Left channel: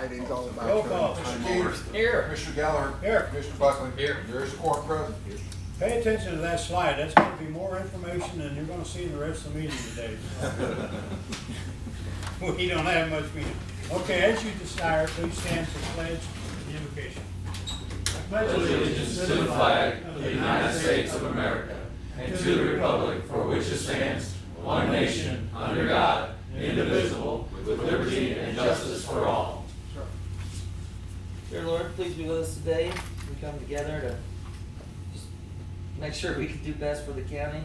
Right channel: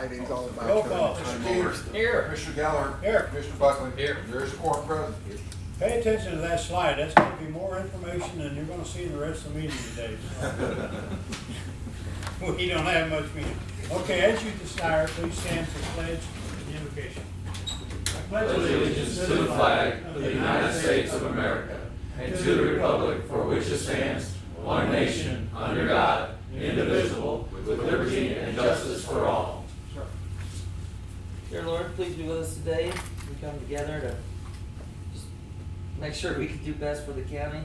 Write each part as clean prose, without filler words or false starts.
Friday's all about. Roll call. turning Mr. time over. Peters. Here. Commissioner Geller. Here. Commissioner Buckley. Here. There's the quorum present. Pay attention to that slide. That's going to be more information than you're going to see in the rest of the meeting today. We don't have much meeting. Okay, as you desire, please stand for the pledge and invocation. I pledge Allegiance to the flag of the United States of America and to the republic for which it stands, one nation, under God, indivisible, with liberty and justice for all. Dear Lord, please be with us today. We come together to just make sure we can do best for the county,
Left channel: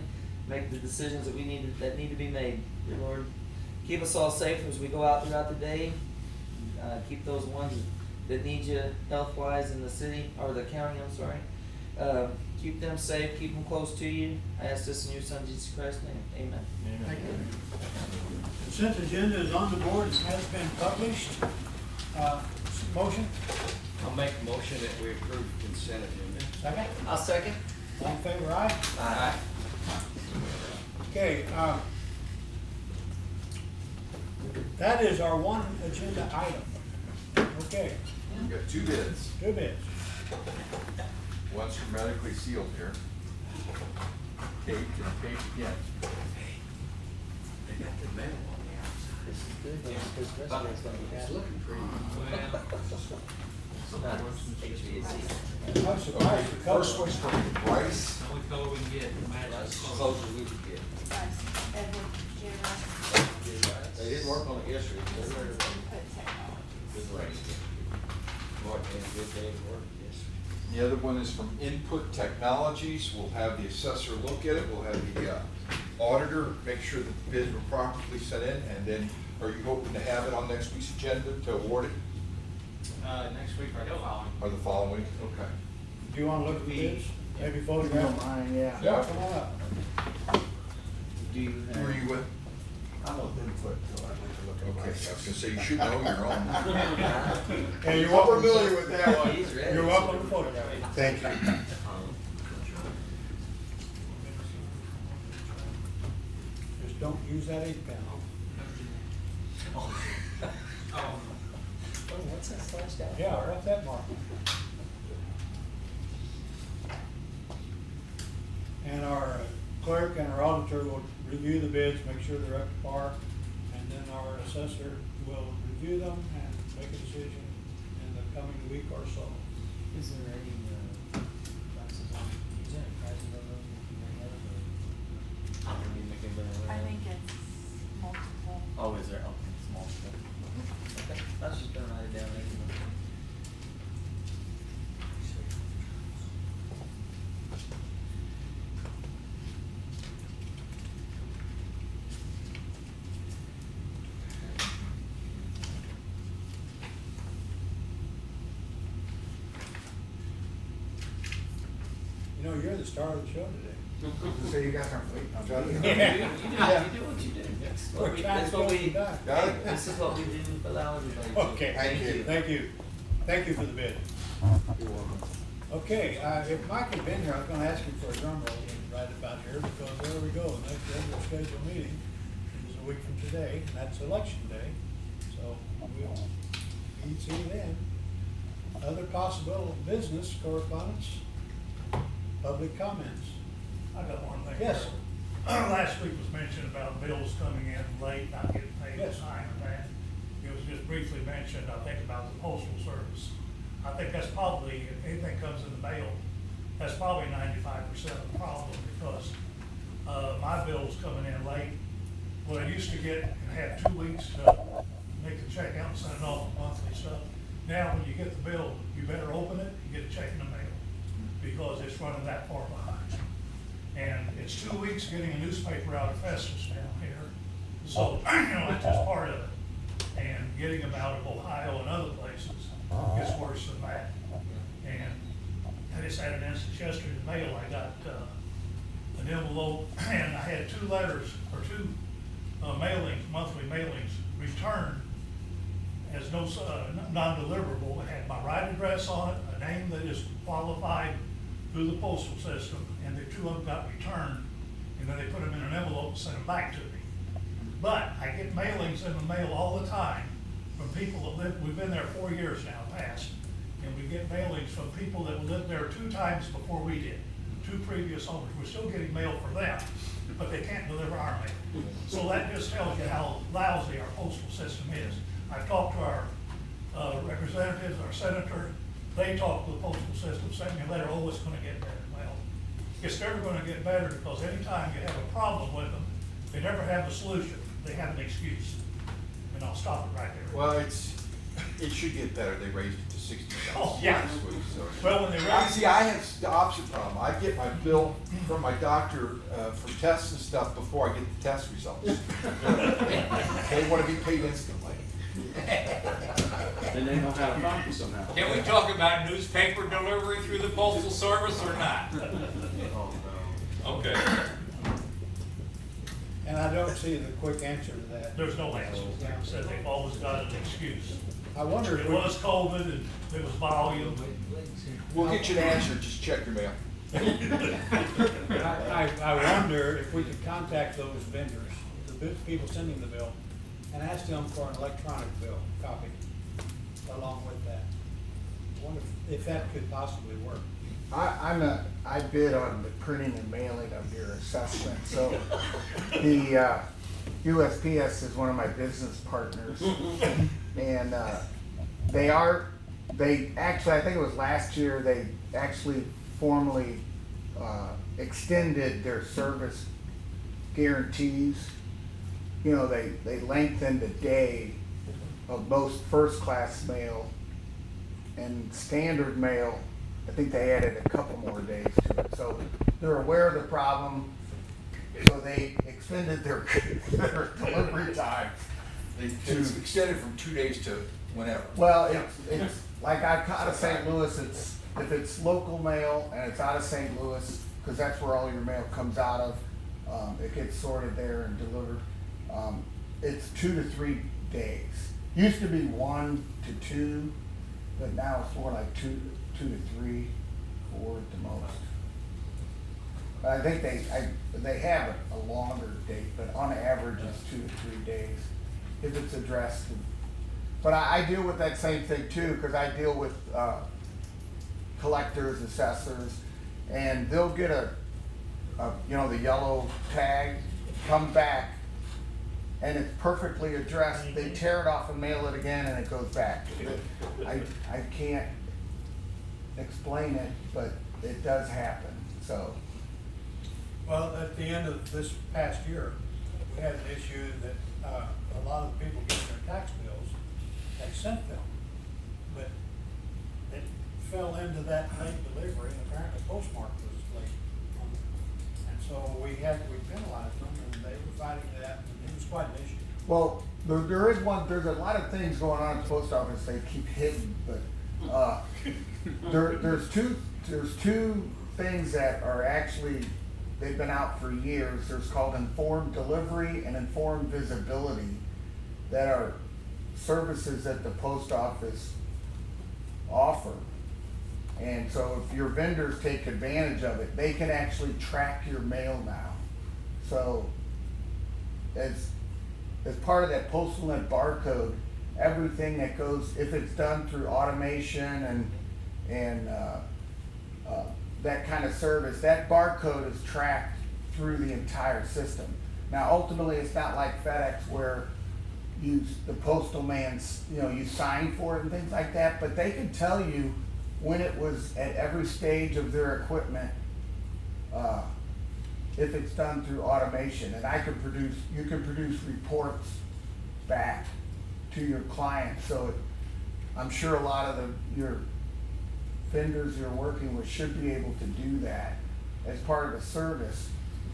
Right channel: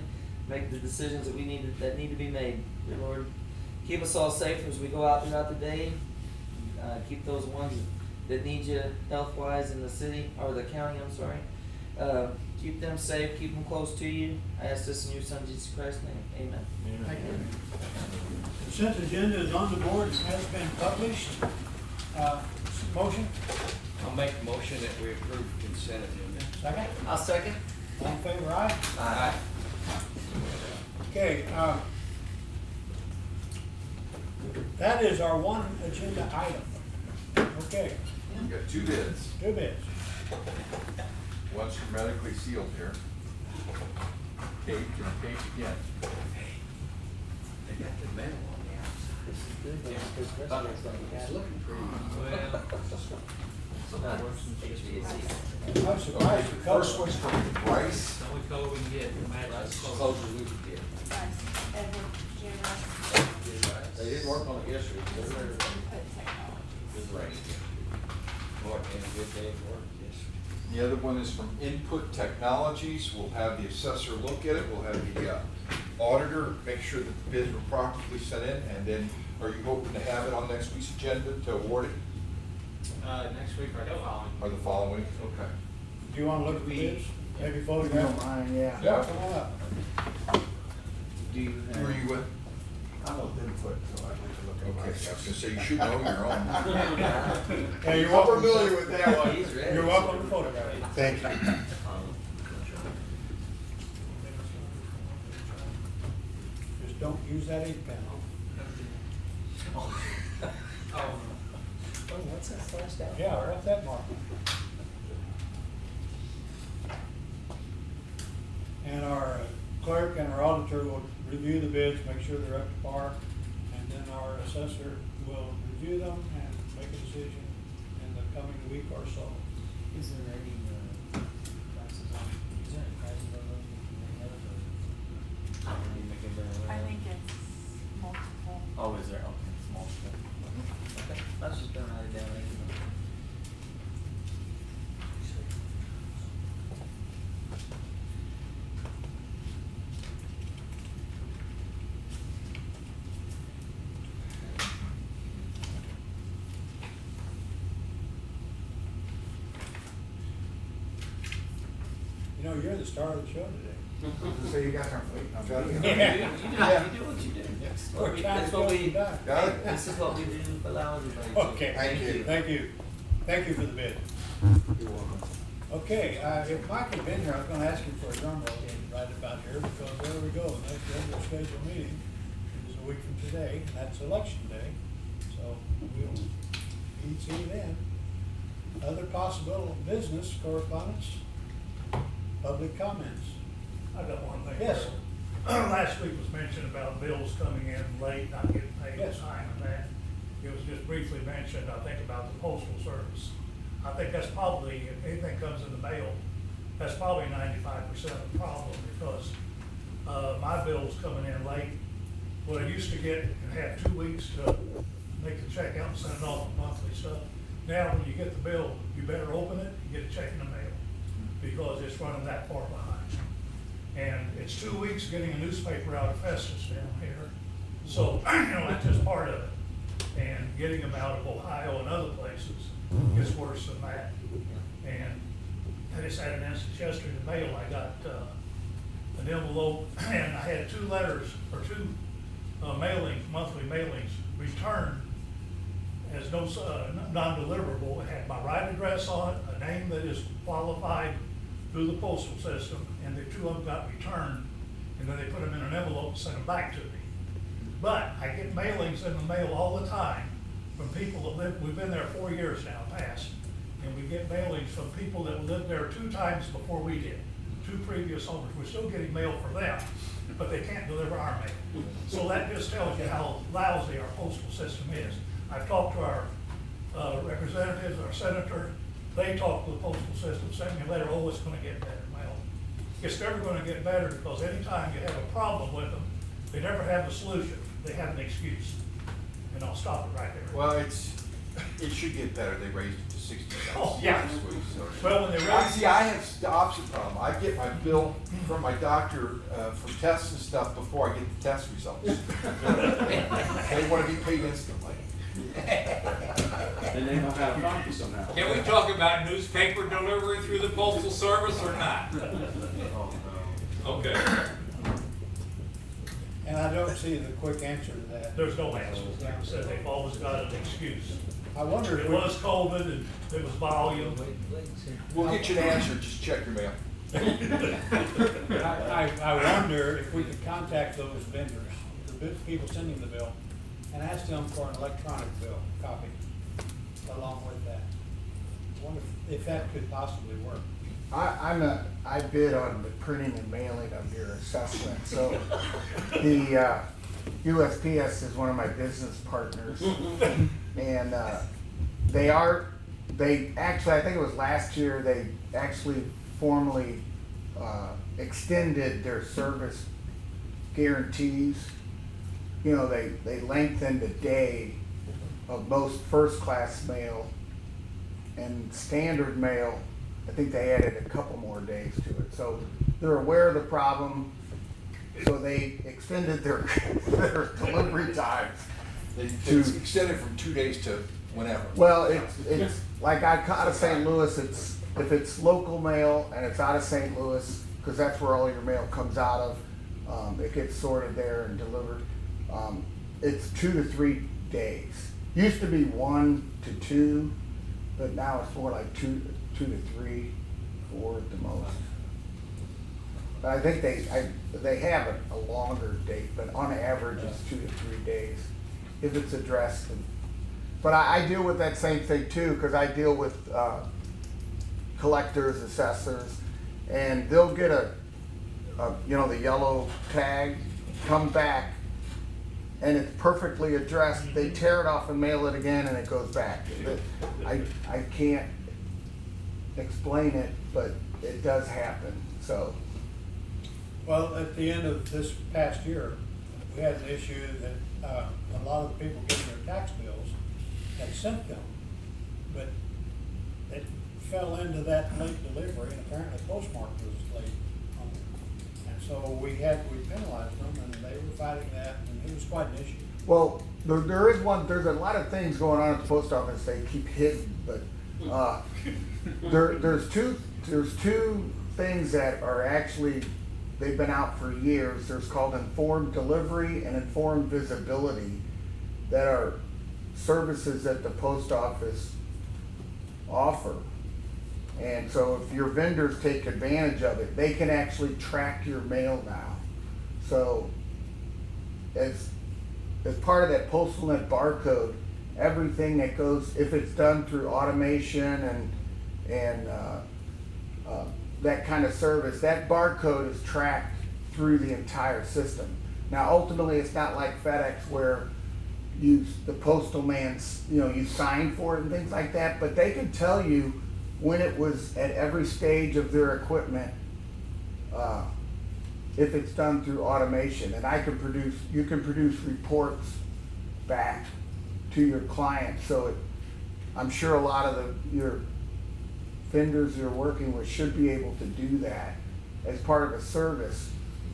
make the decisions that that need to be made. Dear Lord, keep us all safe as we go out throughout the day. Keep those ones that need you health-wise in the city, or the county, I'm sorry. Keep them safe, keep them close to you. I ask this in your Son, Jesus Christ's name. Amen. Thank you. Consent agenda is on the board and has been published. Motion? I'll make a motion that we approve consent agenda. Second? I'll second. All in favor, aye? Aye. Okay, that is our one agenda item. Okay, We've got two bids. two bids. One's hermetically sealed here. Taped and taped again. They got the metal on the outside. This is good, though, because the rest of it's gonna be It's bad. looking pretty. Not HVAC. I'm surprised the Okay, color. first one's from Bryce. Only color we can get, matches. Close as we could get. Edward J. Russ, They didn't work on it yesterday. Input Technologies. Good race. More than a good day of work, yes. The other one is from Input Technologies. We'll have the assessor look at it. We'll have the auditor make sure that the bids were properly sent in. And then, are you hoping to have it on next week's agenda to award it? Next week or the following. Or the following week? Okay. Do you want to look at the bids? Maybe If you don't photograph? mind, yeah. Yeah. Come on up. Do you Who are you with? I'm with input, so I need to look Okay, I at was myself. gonna say, you should know your own. Yeah, you're I'm welcome. familiar with that one. He's ready. You're welcome to photograph it. Thank you. Just don't use that ink pen. Oh, Oh, what's that slashed out? Yeah, what's that mark? And our clerk and our auditor will review the bids, make sure they're up to par, and then our assessor will review them and make a decision in the coming week or so. Is there any prices on, is there any prices on those? I think it's multiple. Oh, is there? Okay, it's multiple. Okay, I was just gonna write it down. You know, you're the star of the show today. So you guys aren't waiting on me. You do what you do. We're trying That's to what get we, it done. Got it? this is what we do, allow everybody to. Okay, Thank you. Thank you. Thank you for the bid. You're welcome. Okay, if Mike had been here, I was gonna ask him for a drum roll right about here, because there we go, the next regular scheduled meeting is a week from today, and that's election day, so we'll see you then. Other possible business correspondence, public comments. I got one thing. Yes. Last week was mentioned about bills coming in late, not getting paid on Yes. time and that. It was just briefly mentioned, I think, about the postal service. I think that's probably, if anything comes in the mail, that's probably 95% of the problem, because my bill's coming in late. What I used to get and have 2 weeks to make the check out and send it off monthly stuff. Now, when you get the bill, you better open it and get a check in the mail, because it's running that far behind. And it's 2 weeks getting a newspaper out of Festus down here. So, that's just part of it. And getting them out of Ohio and other places gets worse than that. And I just had an instance yesterday in the mail. I got an envelope, and I had 2 letters, or 2 mailings, monthly mailings, returned as no non-deliverable. It had my right address on it, a name that is qualified through the postal system, and the 2 of them got returned, and then they put them in an envelope and sent them back to me. But I get mailings in the mail all the time from people that live, we've been there 4 years now, past, and we get mailings from people that lived there 2 times before we did, 2 previous owners. We're still getting mail from them, but they can't deliver our mail. So that just tells you how lousy our postal system is. I've talked to our representatives, our senator, they talk to the postal system, send me a letter, oh, it's gonna get better. Well, it's never gonna get better, because anytime you have a problem with them, they never have a solution, they have an excuse. And I'll stop it right there. Well, it should get better. They raised it to 60 cents Oh, yeah. this week, so. Well, when they I raise, see, I have the opposite problem. I get my bill from my doctor for tests and stuff before I get the test results. They want to be paid instantly. Then they know how to find you somehow. Can we talk about newspaper delivery through the postal service or not? Okay. And I don't see the quick answer to that. there's no answer. Like I said, they've always got an excuse. I wonder if It we, was COVID and it was volume. We'll get you an answer. Just check your mail. I wonder if we could contact those vendors, the people sending the bill, and ask them for an electronic bill copy along with that. I wonder if that could possibly work. I bid on the printing and mailing of your assessment, so the USPS is one of my business partners. And they actually, I think it was last year, they actually formally extended their service guarantees. You know, they lengthened the day of most first-class mail and standard mail. I think they added a couple more days to it. So they're aware of the problem, so they extended their delivery time. It's extended from 2 days to whenever. Well, it's like out of St. Louis, if it's local mail and it's out of St. Louis, because that's where all your mail comes out of, it gets sorted there and delivered. It's 2 to 3 days. Used to be 1 to 2, but now it's more like 2 to 3, 4 at the most. But I think they have a longer date, but on average it's 2 to 3 days if it's addressed. But I deal with that same thing too, because I deal with collectors, assessors, and they'll get a the yellow tag, come back, and it's perfectly addressed. They tear it off and mail it again, and it goes back. I can't explain it, but it does happen. So. Well, at the end of this past year, we had an issue that a lot of the people getting their tax bills had sent them, but it fell into that late delivery, and apparently postmark was late on it. And so we penalized them, and they were fighting that, and it was quite an issue. Well, there's a lot of things going on at the post office they keep hidden, but there's two things that are actually, they've been out for years. There's called informed delivery and informed visibility, that are services that the post office offer. And so if your vendors take advantage of it, they can actually track your mail now. So as part of that PostalNet barcode, everything that goes, if it's done through automation and that kind of service, that barcode is tracked through the entire system. Now, ultimately, it's not like FedEx where the postal man's, you sign for it and things like that, but they can tell you when it was at every stage of their equipment, if it's done through automation. And you can produce reports back to your client. So I'm sure a lot of your vendors you're working with should be able to do that as part of a service,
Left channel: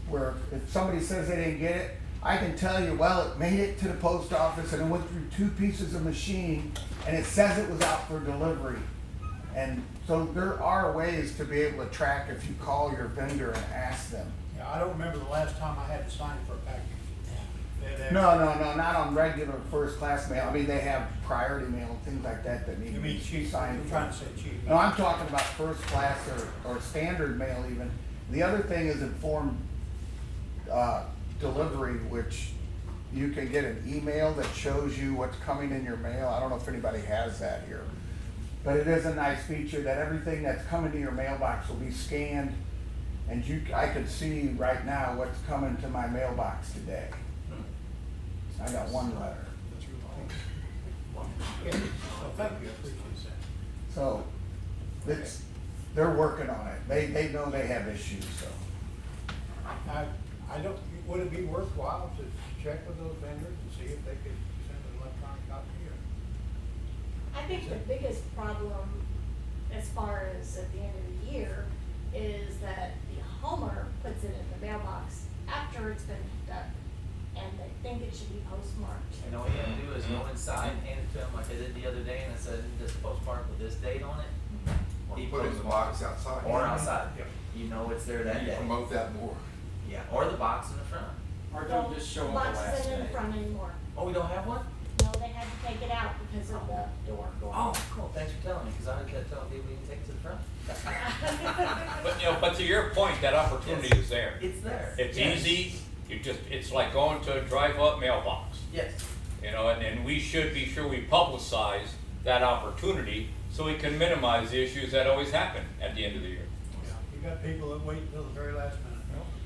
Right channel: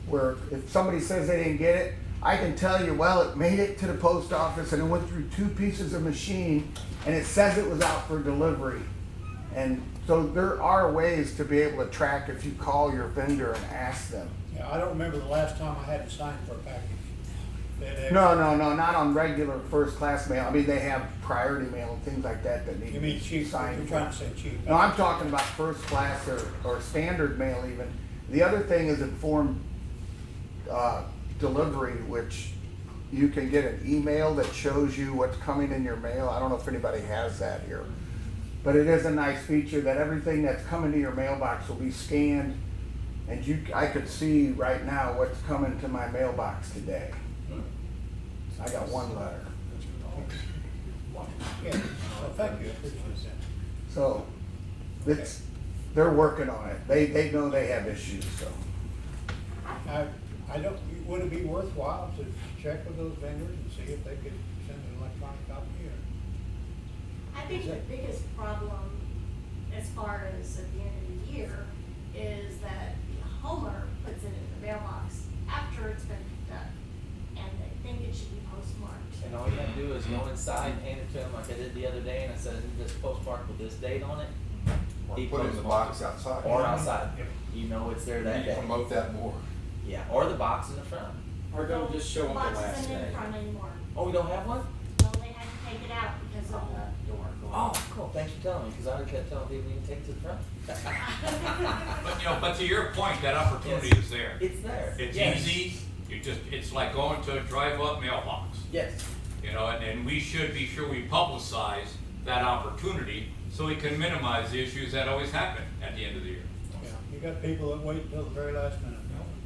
where if somebody says they didn't get it, I can tell you, well, it made it to the post office and it went through 2 pieces of machine and it says it was out for delivery. And so there are ways to be able to track if you call your vendor and ask them. Yeah, I don't remember the last time I had to sign for a package. No, not on regular first class mail. I mean, they have priority mail and things like that that need You to mean be cheap? signed You're for. trying to say cheap? No, I'm talking about first class or standard mail even. The other thing is informed delivery, which you can get an email that shows you what's coming in your mail. I don't know if anybody has that here. But it is a nice feature that everything that's coming to your mailbox will be scanned, and I could see right now what's coming to my mailbox today. I got one letter. Yeah, well, thank you, I appreciate that. So, they're working on it. They know they have issues, so. I don't, would it be worthwhile to check with those vendors and see if they could send an electronic copy or? I think the biggest problem, as far as at the end of the year, is that the homeowner puts it in the mailbox after it's been picked up, and they think it should be postmarked. And all you gotta do is go inside and hand it to them like I did the other day, and I said, this postmark with this date on it. Or He put it in the postmarked box outside. Or outside, you know it's there that You day. promote that more. Yeah, or the box in the front. Or don't just show them the Box last isn't day. in front anymore. Oh, we don't have one? No, they had to take it out because of the door. Oh, cool, thanks for telling me, cause I kept telling people you can take it to the front. But to your point, that opportunity Yes. is there. It's there. It's Yes. easy, it's like going to a drive-up mailbox. Yes. And we should be sure we publicize that opportunity so we can minimize the issues that always happen at the end of the year. Yeah, you got people that wait until the very last minute.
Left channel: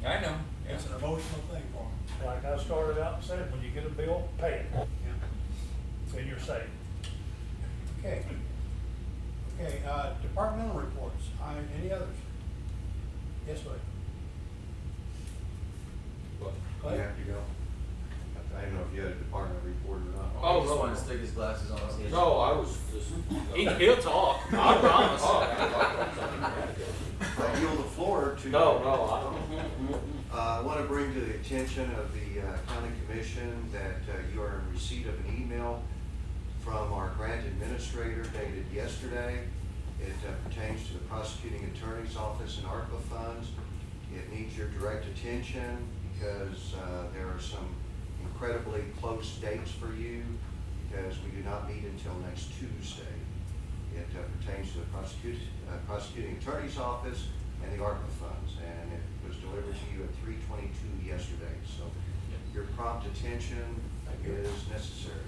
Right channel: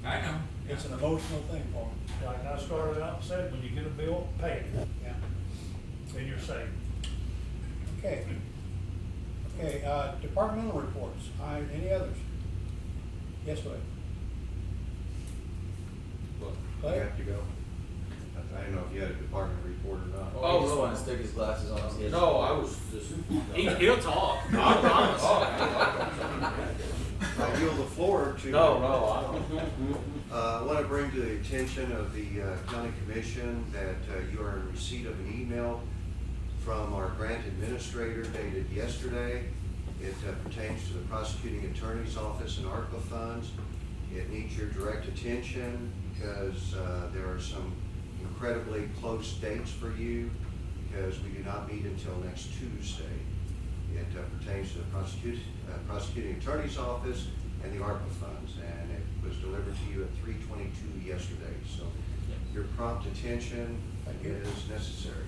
I know. It's an emotional thing for them. Like I started out and said, when you get a bill, pay it, Yeah. then you're safe. Okay. Okay, departmental reports, any others? Yes, Lloyd? Well, Clay? you have to go. I don't know if you had a department report or not. Oh, he just wanted to stick his glasses on his head. No, I was just. He'll talk, I promise. I yield the floor to. No, I don't. I want to bring to the attention of the county commission that you are in receipt of an email from our grant administrator dated yesterday. It pertains to the prosecuting attorney's office and ARPA funds. It needs your direct attention because there are some incredibly close dates for you because we do not meet until next Tuesday. It pertains to the prosecuting attorney's office and the ARPA funds, and it was delivered to you at 3:22 yesterday. So your prompt attention is necessary.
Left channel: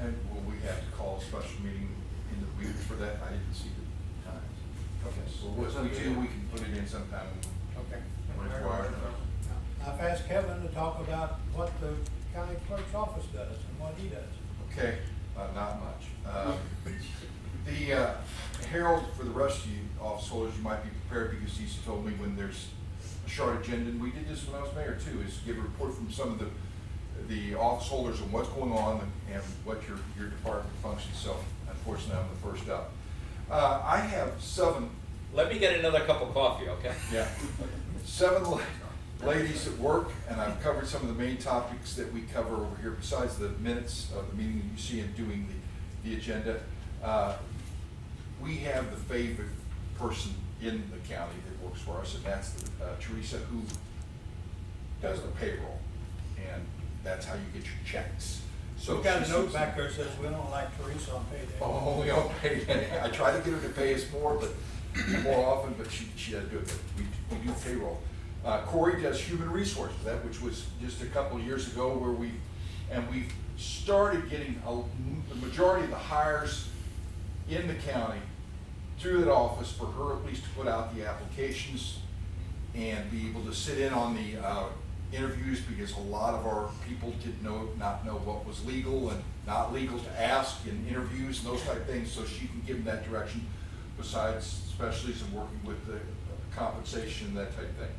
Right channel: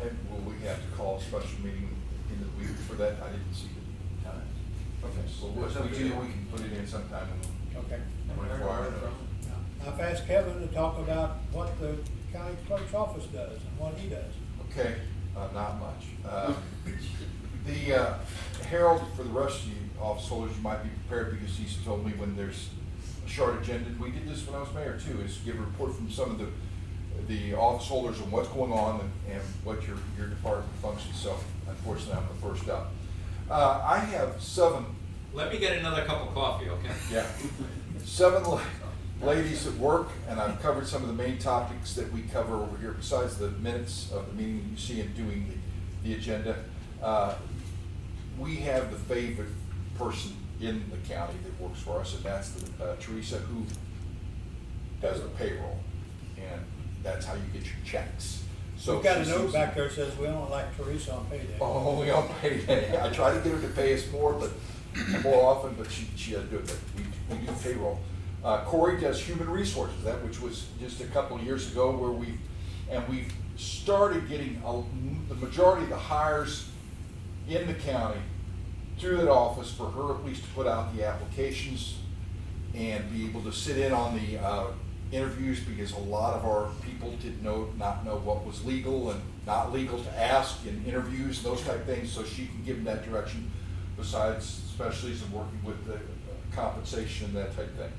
And will we have to call a special meeting in the week for that? I didn't see the time. Okay, so what we do, we can put it in sometime Okay. in 24 hours. Now, I've asked Kevin to talk about what the county clerk's office does and what he does. Okay, not much. The Harold, for the rest of you office holders, you might be prepared because he's told me when there's a short agenda, and we did this when I was mayor too, is give a report from some of the office holders on what's going on and what your department functions. So unfortunately, I'm the first up. I have 7. Let me get another cup of coffee, okay? Yeah. 7 ladies at work, and I've covered some of the main topics that we cover over here, besides the minutes of the meeting you see in doing the agenda. We have the favorite person in the county that works for us, and that's Teresa, who does the payroll, and that's how you get your checks. So We've got a she note seems- back there that says we don't like Teresa on payday. Only on payday. I try to get her to pay us more often, but she does do it. But we do payroll. Corey does human resources, that which was just a couple of years ago where we started getting the majority of the hires in the county through that office for her at least to put out the applications and be able to sit in on the interviews, because a lot of our people did not know what was legal and not legal to ask in interviews, those type of things, so she can give them that direction, besides specialties and working with the compensation and that type of thing.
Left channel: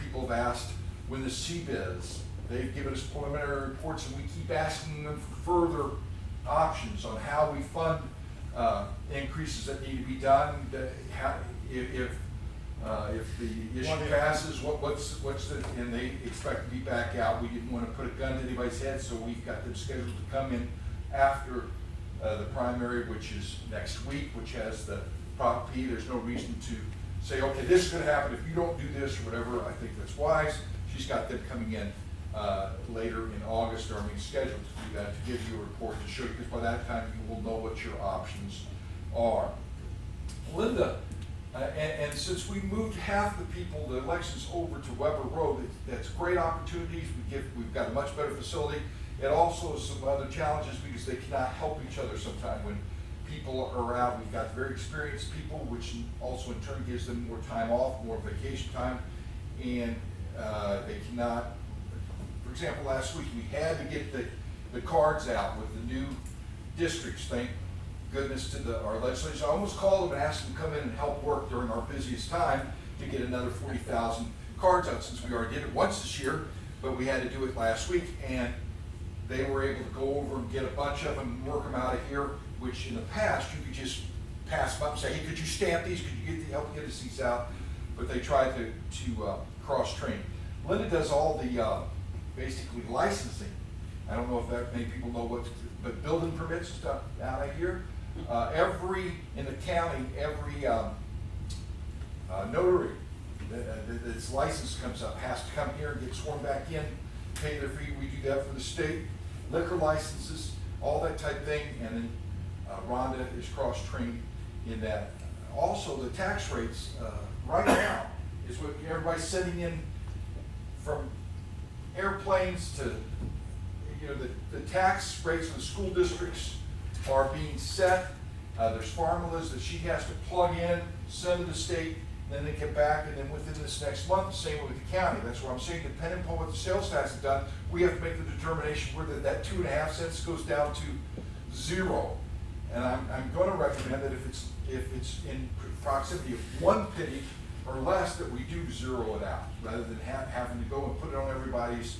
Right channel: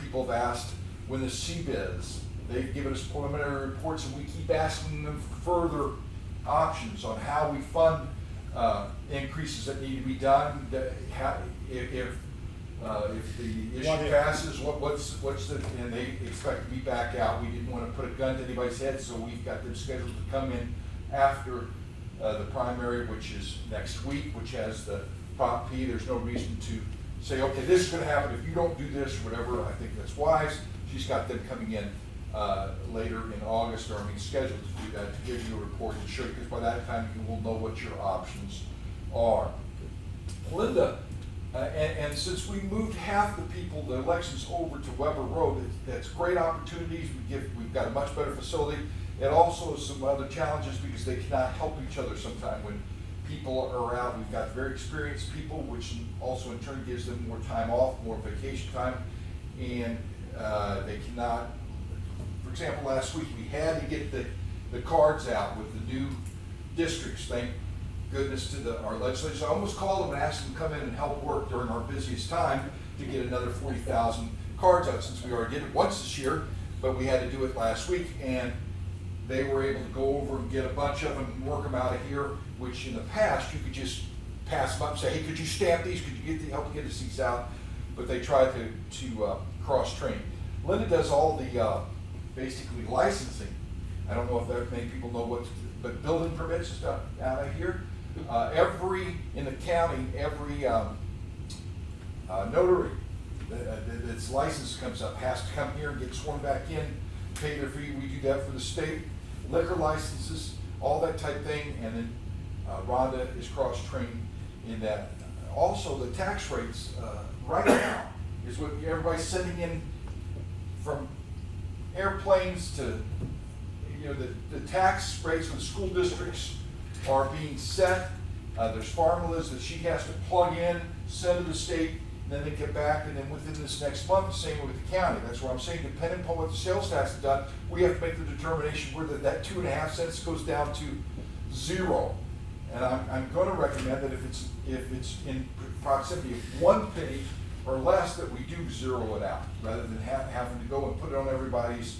People have asked when the CBIZ, they've given us preliminary reports, and we keep asking them for further options on how we fund increases that need to be done. If the issue passes, what's the, and they expect to be back out. We didn't want to put a gun to anybody's head, so we've got them scheduled to come in after the primary, which is next week, which has the Prop P. There's no reason to say, okay, this is going to happen if you don't do this or whatever. I think that's wise. She's got them coming in later in August, or scheduled to do that, to give you a report to show you, because by that time you will know what your options are. Linda And since we moved half the people, the elections over to Weber Road, that's great opportunities. We've got a much better facility. It also has some other challenges because they cannot help each other sometimes when people are out. We've got very experienced people, which also in turn gives them more time off, more vacation time, and they cannot. For example, last week we had to get the cards out with the new districts. Thank goodness to our legislators. I almost called them and asked them to come in and help work during our busiest time to get another 40,000 cards out, since we already did it once this year, but we had to do it last week, and they were able to go over and get a bunch of them and work them out of here, which in the past you could just pass them up and say, hey, could you stamp these? Could you help get us these out? But they tried to cross-train. Linda does all the basically licensing. I don't know if that many people know what, but building permits and stuff out of here. In the county, every notary that's licensed comes up has to come here and get sworn back in, pay their fee. We do that for the state. Liquor licenses, all that type thing, and then Rhonda is cross-trained in that. Also, the tax rates right now is what everybody's sending in from airplanes to, you know, the tax rates for the school districts are being set. There's formulas that she has to plug in, send to the state, then they get back, and then within this next month, same with the county. That's what I'm saying, depending upon what the sales tax has done, we have to make the determination whether that 2.5 cents goes down to 0. And I'm going to recommend that if it's in proximity of 1 penny or less, that we do 0 it out, rather than having to go and put it on everybody's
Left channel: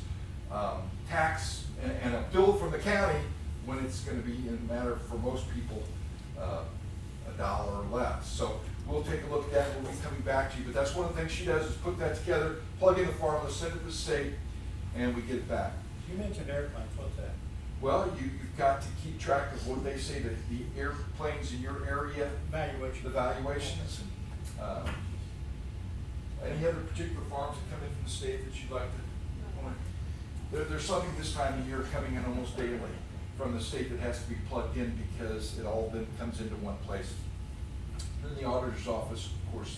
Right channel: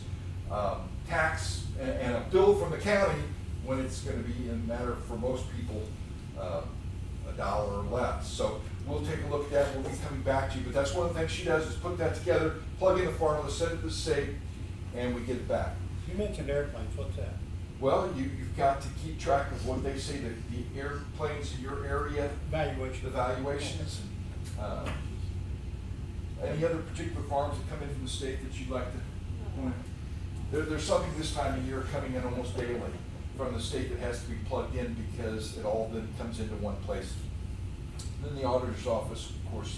tax and a bill from the county, when it's going to be, in a matter for most people, $1 or less. So we'll take a look at that. We'll be coming back to you. But that's one of the things she does, is put that together, plug in the formula, send it to the state, and we get it back. You mentioned airplanes, what's that? Well, you've got to keep track of what they say, that the airplanes in your area, evaluations. Any other particular farms that come in from the state that you'd like to? There's something this time of year coming in almost daily from the state that has to be plugged in, because it all then comes into one place. Then the auditor's office, of course,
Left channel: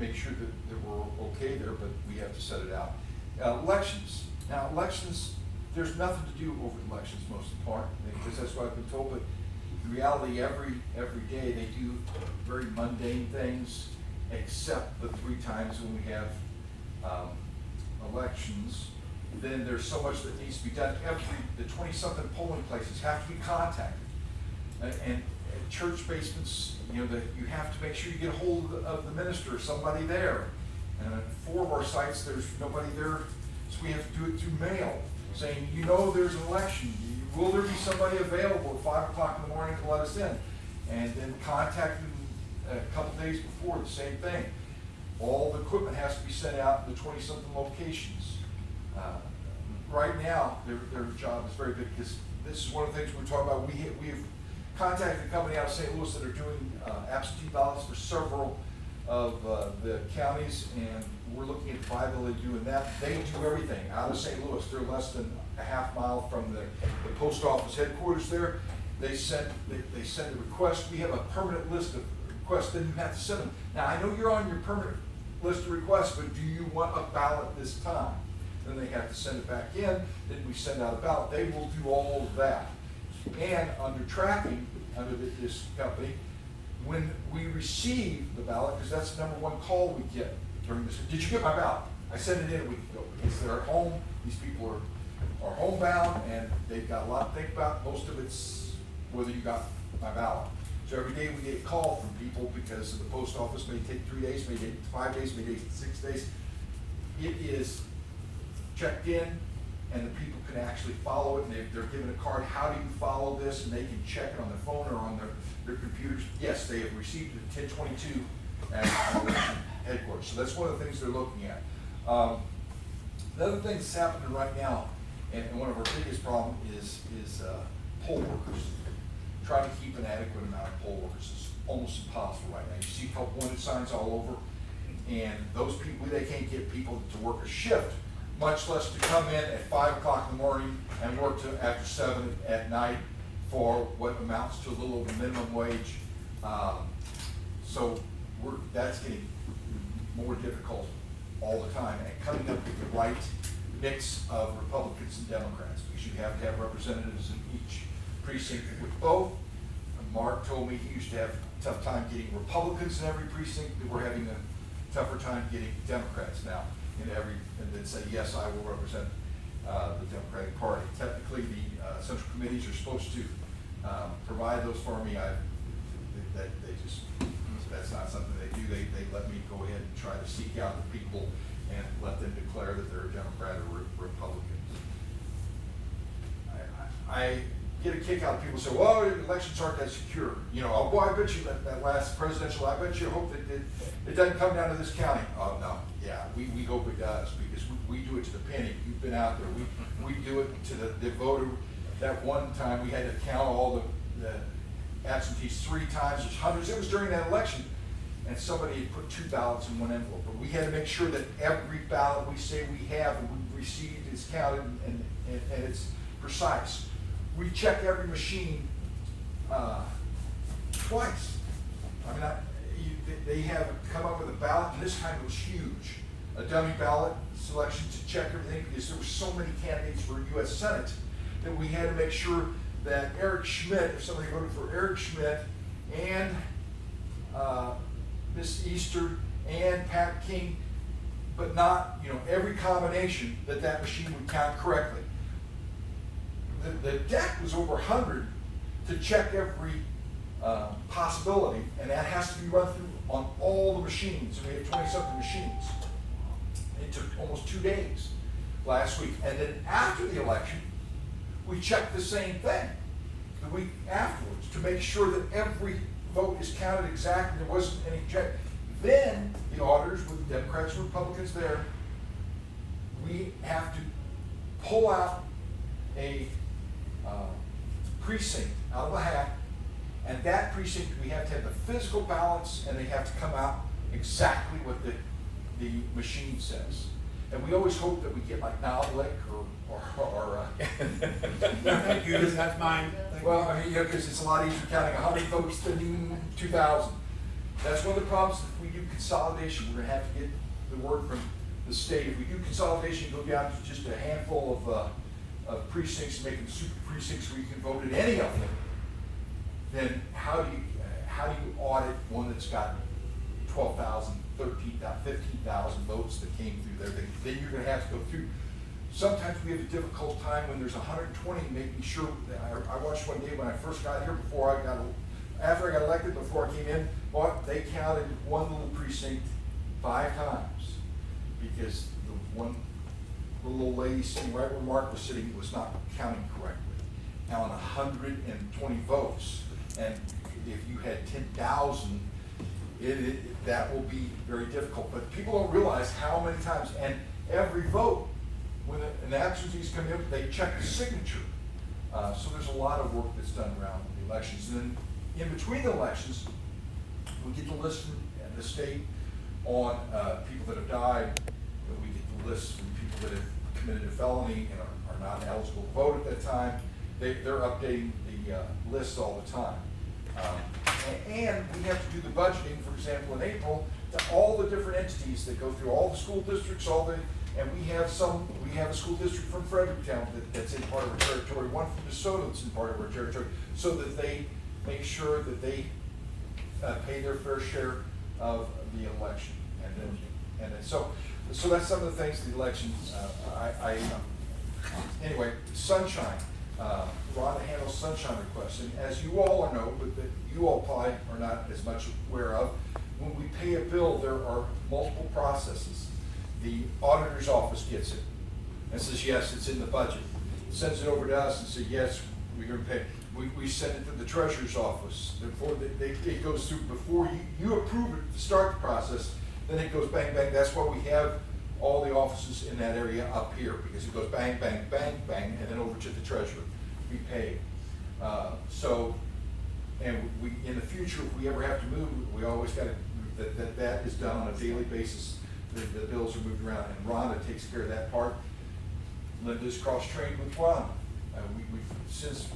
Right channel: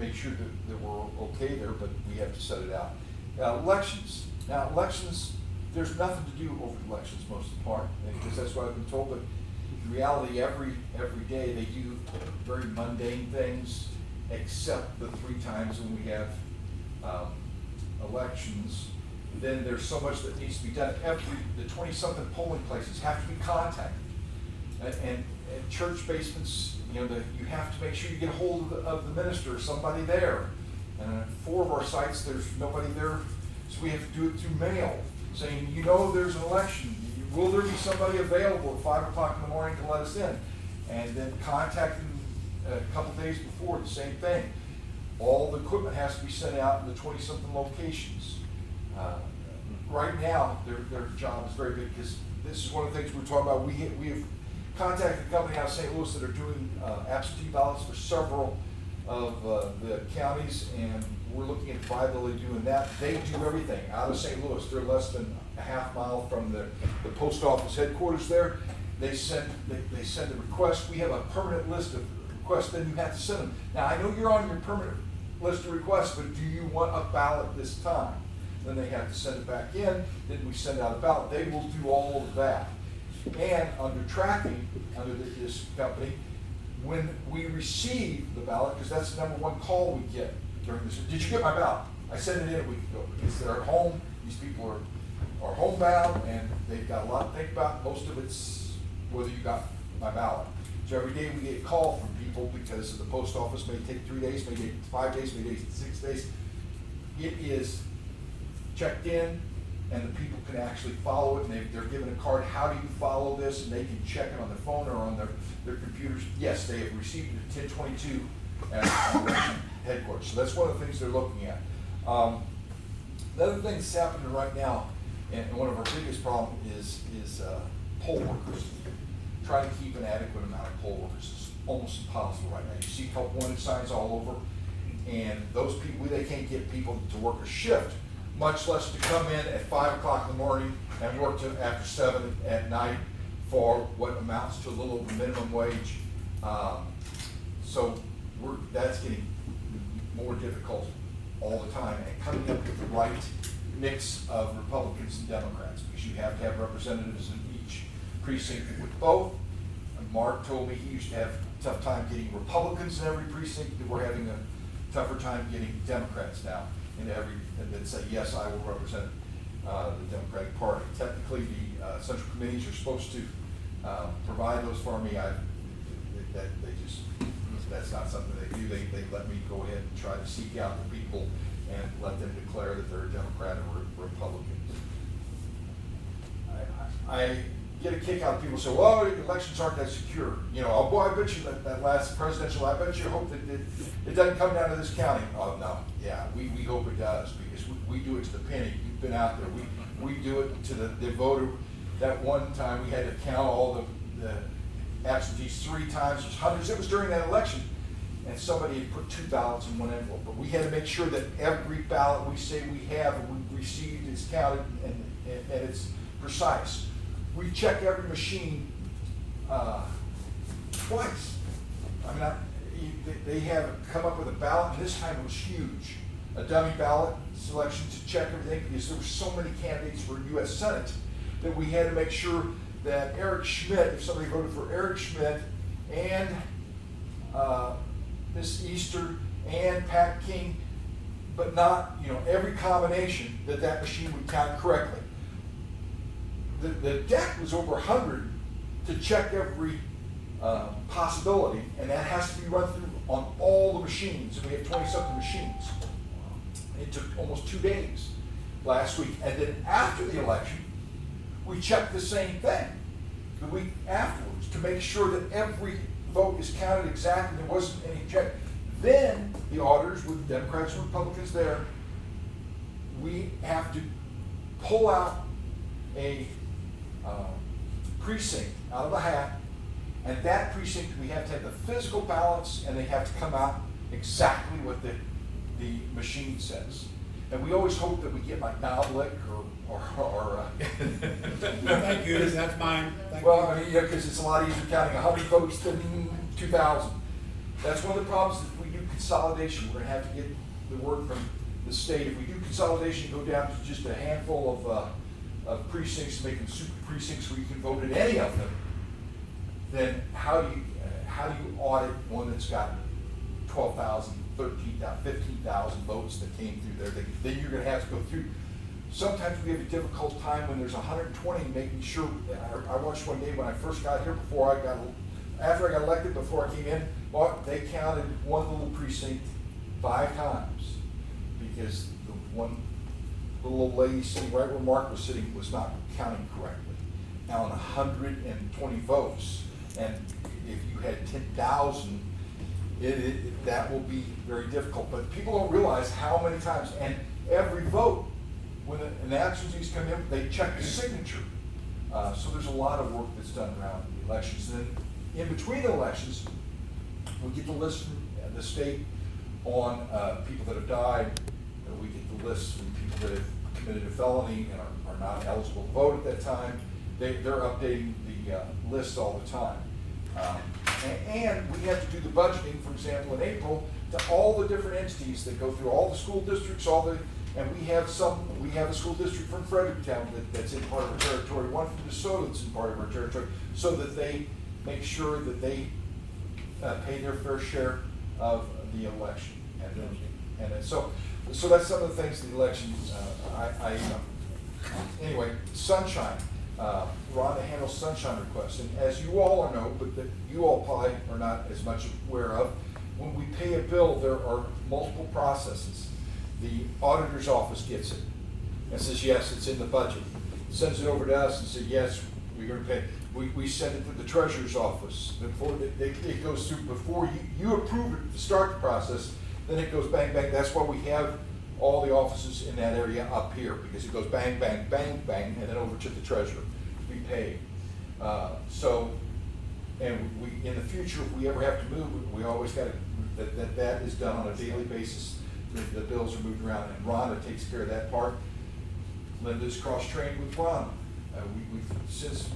make sure that we're okay there, but we have to set it out. Elections. Now, elections, there's nothing to do over elections most of the part, because that's what I've been told, but in reality, every day they do very mundane things, except the 3 times when we have elections. Then there's so much that needs to be done. The 20-something polling places have to be contacted. And church basements, you know, you have to make sure you get a hold of the minister or somebody there. And 4 of our sites, there's nobody there, so we have to do it through mail, saying, you know, there's an election. Will there be somebody available at 5 o'clock in the morning to let us in? And then contact them a couple days before, the same thing. All the equipment has to be sent out in the 20-something locations. Right now, their job is very good, because this is one of the things we're talking about. We have contacted a company out of St. Louis that are doing absentee ballots for several of the counties, and we're looking at the viability of doing that. They do everything out of St. Louis. They're less than a half mile from the post office headquarters there. They send a request. We have a permanent list of requests, then you have to send them. Now, I know you're on your permanent list of requests, but do you want a ballot this time? Then they have to send it back in, then we send out a ballot. They will do all of that. And under tracking, under this company, when we receive the ballot, because that's the #1 call we get during this, did you get my ballot? I sent it in a week ago, because they're at home. These people are homebound, and they've got a lot to think about. Most of it's whether you got my ballot. So every day we get a call from people, because the post office may take 3 days, may take 5 days, may take 6 days. It is checked in, and the people can actually follow it, and they're given a card. How do you follow this? And they can check it on their phone or on their computers. Yes, they have received it at 10:22 at headquarters. So that's one of the things they're looking at. The other thing that's happening right now, and one of our biggest problems is poll workers. Trying to keep an adequate amount of poll workers is almost impossible right now. You see help wanted signs all over, and those people, they can't get people to work a shift, much less to come in at 5 o'clock in the morning and work to after 7 at night for what amounts to a little over minimum wage. So that's getting more difficult all the time, and coming up with the right mix of Republicans and Democrats, because you have to have representatives in each precinct with both. Mark told me he used to have a tough time getting Republicans in every precinct, but we're having a tougher time getting Democrats now in every, and then say, yes, I will represent the Democratic Party. Technically, the central committees are supposed to provide those for me. That's not something they do. They let me go ahead and try to seek out the people and let them declare that they're a Democrat or Republican. I get a kick out of people who say, well, elections aren't that secure. You know, oh boy, I bet you that last presidential, I bet you hope that it doesn't come down to this county. Oh no, yeah, we hope it does, because we do it to the penny. You've been out there. We do it to the voter. That one time we had to count all the absentees 3 times. There's hundreds. It was during that election, and somebody had put 2 ballots in one envelope. But we had to make sure that every ballot we say we have and we received is counted and it's precise. We check every machine twice. I mean, they have come up with a ballot, and this time it was huge. A dummy ballot selection to check everything, because there were so many candidates for U.S. Senate that we had to make sure that Eric Schmidt, if somebody voted for Eric Schmidt and Miss Easter and Pat King, but not, you know, every combination, that machine would count correctly. The deck was over 100 to check every possibility, and that has to be run through on all the machines. And we have 20-something machines. It took almost 2 days last week. And then after the election, we checked the same thing the week afterwards to make sure that every vote is counted exactly. There wasn't any check. Then the auditors, with Democrats and Republicans there, we have to pull out a precinct out of a hat, and that precinct, we have to have the physical ballots, and they have to come out exactly what the machine says. And we always hope that we get like Nowlick or Thank you, that's mine. Thank well, you. I mean, you know, because it's a lot easier counting 100 votes than 2,000. That's one of the problems. If we do consolidation, we're going to have to get the word from the state. If we do consolidation, go down to just a handful of precincts, making super precincts where you can vote at any of them, then how do you audit one that's got 12,000, 13,000, 15,000 votes that came through there? Then you're going to have to go through. Sometimes we have a difficult time when there's 120, making sure that I watched one day when I first got here, after I got elected, before I came in, well, they counted one little precinct 5 times because the one little old lady sitting right where Mark was sitting was not counting correctly. Now on 120 votes, and if you had 10,000, that will be very difficult. But people don't realize how many times, and every vote, when an absentees come in, they check the signature. So there's a lot of work that's done around the elections. And then in between the elections, we get the list from the state on people that have died. We get the list from people that have committed a felony and are not eligible to vote at that time. They're updating the list all the time. And we have to do the budgeting, for example, in April, to all the different entities that go through all the school districts, and we have a school district from Fredericktown that's in part of our territory, one from DeSoto that's in part of our territory, so that they make sure that they pay their fair share of the election. And then so that's some of the things the election, anyway, sunshine. Rhonda handles sunshine requests, and as you all know, but that you all probably are not as much aware of, when we pay a bill, there are multiple processes. The auditor's office gets it and says, yes, it's in the budget. Sends it over to us and says, yes, we're going to pay. We send it to the treasurer's office. Before it goes through, before you approve it to start the process, then it goes bang, bang. That's why we have all the offices in that area up here, because it goes bang, bang, bang, bang, and then over to the treasurer. We pay. And we in the future, if we ever have to move, we always got that is done on a daily basis. The bills are moved around, and Rhonda takes care of that part. Linda's cross-trained with Rhonda. Since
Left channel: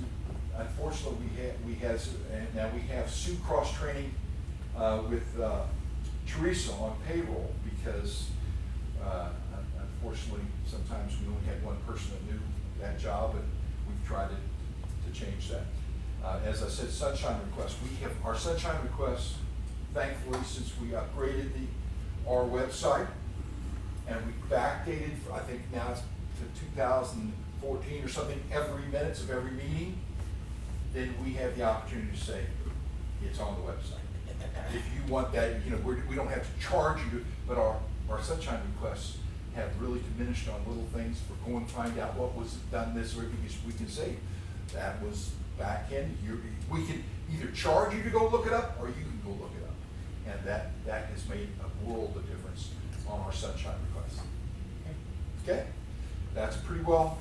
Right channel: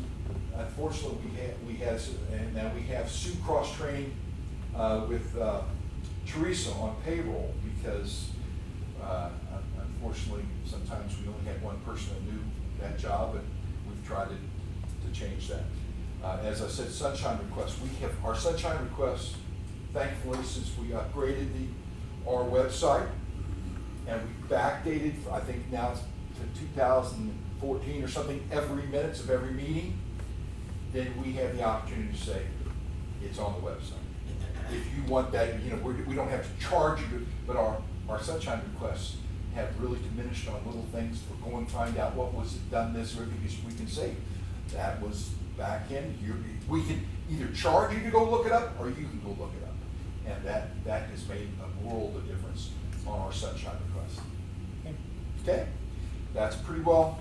unfortunately we have, and now we have Sue cross-training with Teresa on payroll, because unfortunately, sometimes we only had one person that knew that job, and we've tried to change that. As I said, sunshine requests, we have, our sunshine requests, thankfully, since we upgraded our website, and we backdated, I think now it's to 2014 or something, every minutes of every meeting, then we have the opportunity to say, it's on the website. If you want that, you know, we don't have to charge you, but our sunshine requests have really diminished on little things. For going to find out what was done this way, because we can say, that was back in, we can either charge you to go look it up, or you can go look it up. And that has made a world of difference on our sunshine requests. Okay, that's pretty well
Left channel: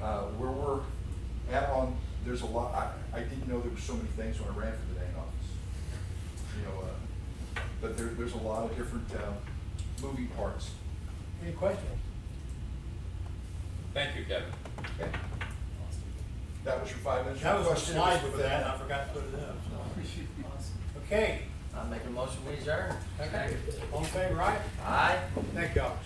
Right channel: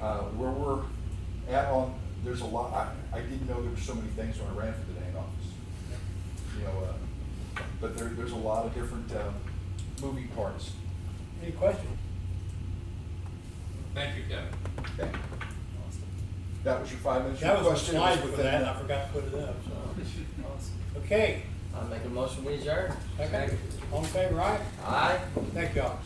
where we're at on, there's a lot, I didn't know there were so many things when I ran for the dang office. You know, but there's a lot of different moving parts. Any questions? Thank you, Kevin. Okay. That was your 5 minutes. That was a Question. slide Put for that, and I down. forgot to put it up, so. Okay, I'll make a motion, we adjourn. okay, all in favor, aye? Aye. Thank y'all.